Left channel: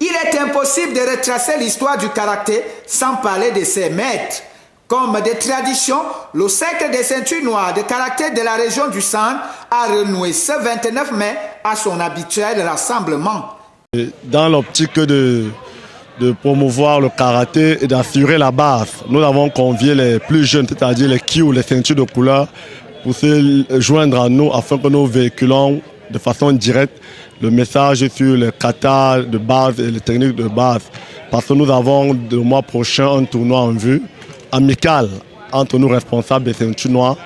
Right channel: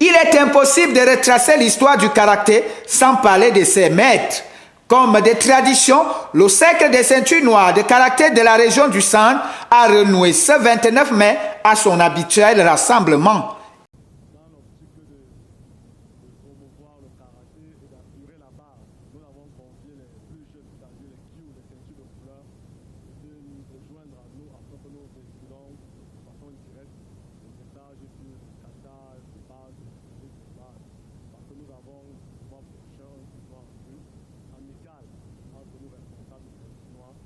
Il est impossible de retracer l'histoire du karaté sans parler de ses maîtres. Comme des traditions, le cercle des ceintures noires de karaté de la région du Centre a renoué ce 29 mai à son habituel rassemblement. Dans l'optique de promouvoir le karaté et d'assurer la base, nous avons convié les plus jeunes, c'est-à-dire les Kyu, les ceintures de couleur, pour se joindre à nous afin que nous véhiculons de façon directe le message sur les katas de base et les techniques de base. Parce que nous avons le mois prochain un tournoi en vue, amical entre nous responsables des ceintures noires,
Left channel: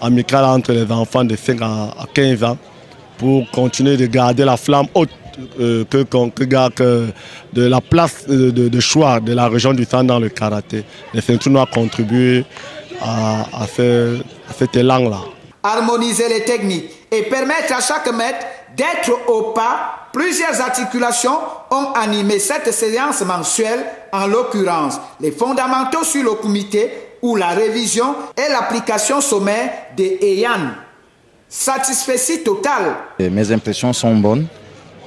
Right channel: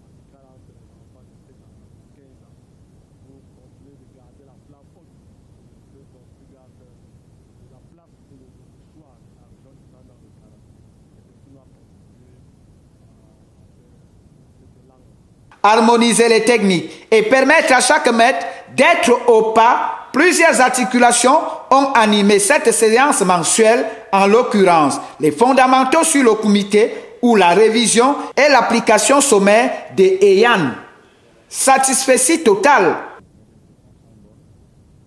amical entre les enfants de 5 à 15 ans, pour continuer de garder la flamme haute de la place de choix de la région du Centre dans le karaté. Les ceintures noires contribuent à cet élan-là. Harmoniser les techniques et permettre à chaque maître d'être au pas, plusieurs articulations ont animé cette séance mensuelle, en l'occurrence les fondamentaux sur le kumite ou la révision et l'application sommaire des Heian. Satisfait total. Mes impressions sont bonnes.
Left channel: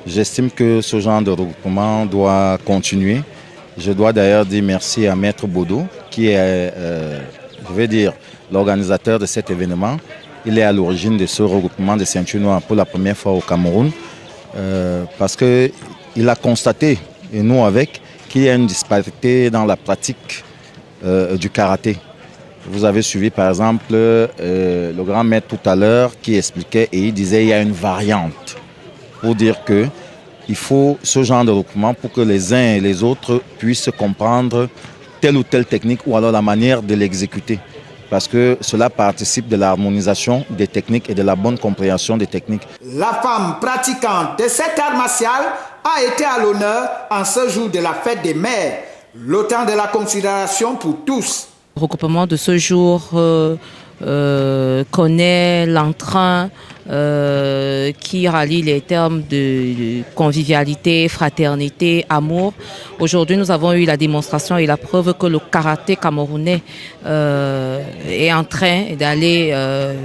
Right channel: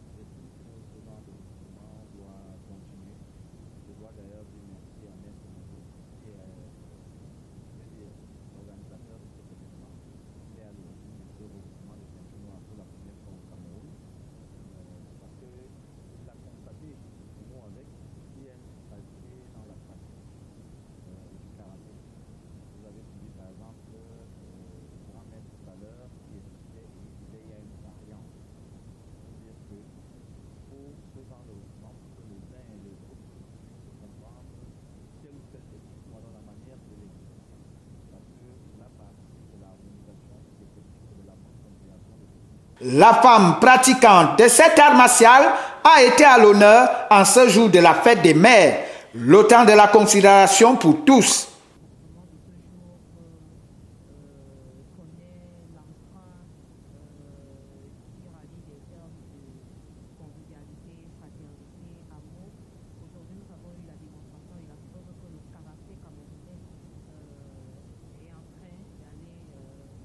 J'estime que ce genre de regroupement doit continuer. Je dois d'ailleurs dire merci à Maître Bodo, qui est, l'organisateur de cet événement. Il est à l'origine de ce regroupement de ceintures noires pour la première fois au Cameroun, parce qu'il a constaté, et nous avec, qu'il y a une disparité dans la pratique du karaté. Vous avez suivi par exemple le grand maître tout à l'heure qui expliquait et il disait qu'il y a une variante pour dire qu'il faut ce genre de regroupement pour que les uns et les autres puissent comprendre telle ou telle technique ou alors la manière de l'exécuter. Parce que cela participe de l'harmonisation des techniques et de la bonne compréhension des techniques. La femme pratiquante de cet art martial a été à l'honneur en ce jour de la fête des mères, le temps de la considération pour tous. Le regroupement de ce jour connaît l'entrain qui rallie les termes de convivialité, fraternité, amour. Aujourd'hui, nous avons eu la démonstration et la preuve que le karaté camerounais est en train d'aller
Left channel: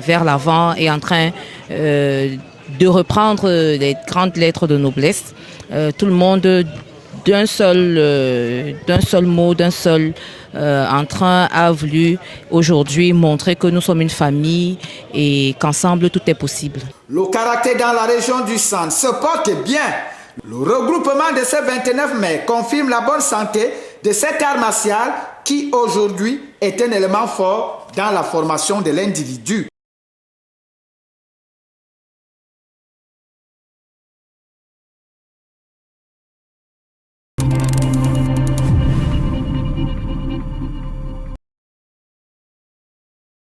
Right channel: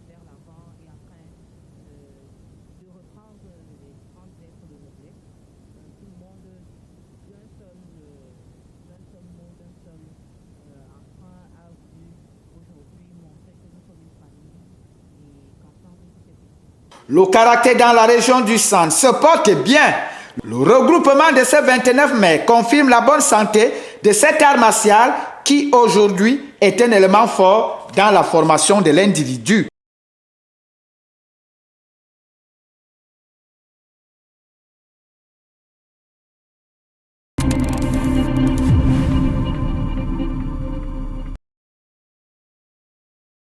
vers l'avant, est en train de reprendre les grandes lettres de noblesse. Tout le monde d'un seul mot, d'un seul entrain a voulu aujourd'hui montrer que nous sommes une famille et qu'ensemble tout est possible. Le karaté dans la région du Centre se porte bien. Le regroupement de ce 29 mai confirme la bonne santé de cet art martial qui aujourd'hui est un élément fort dans la formation de l'individu.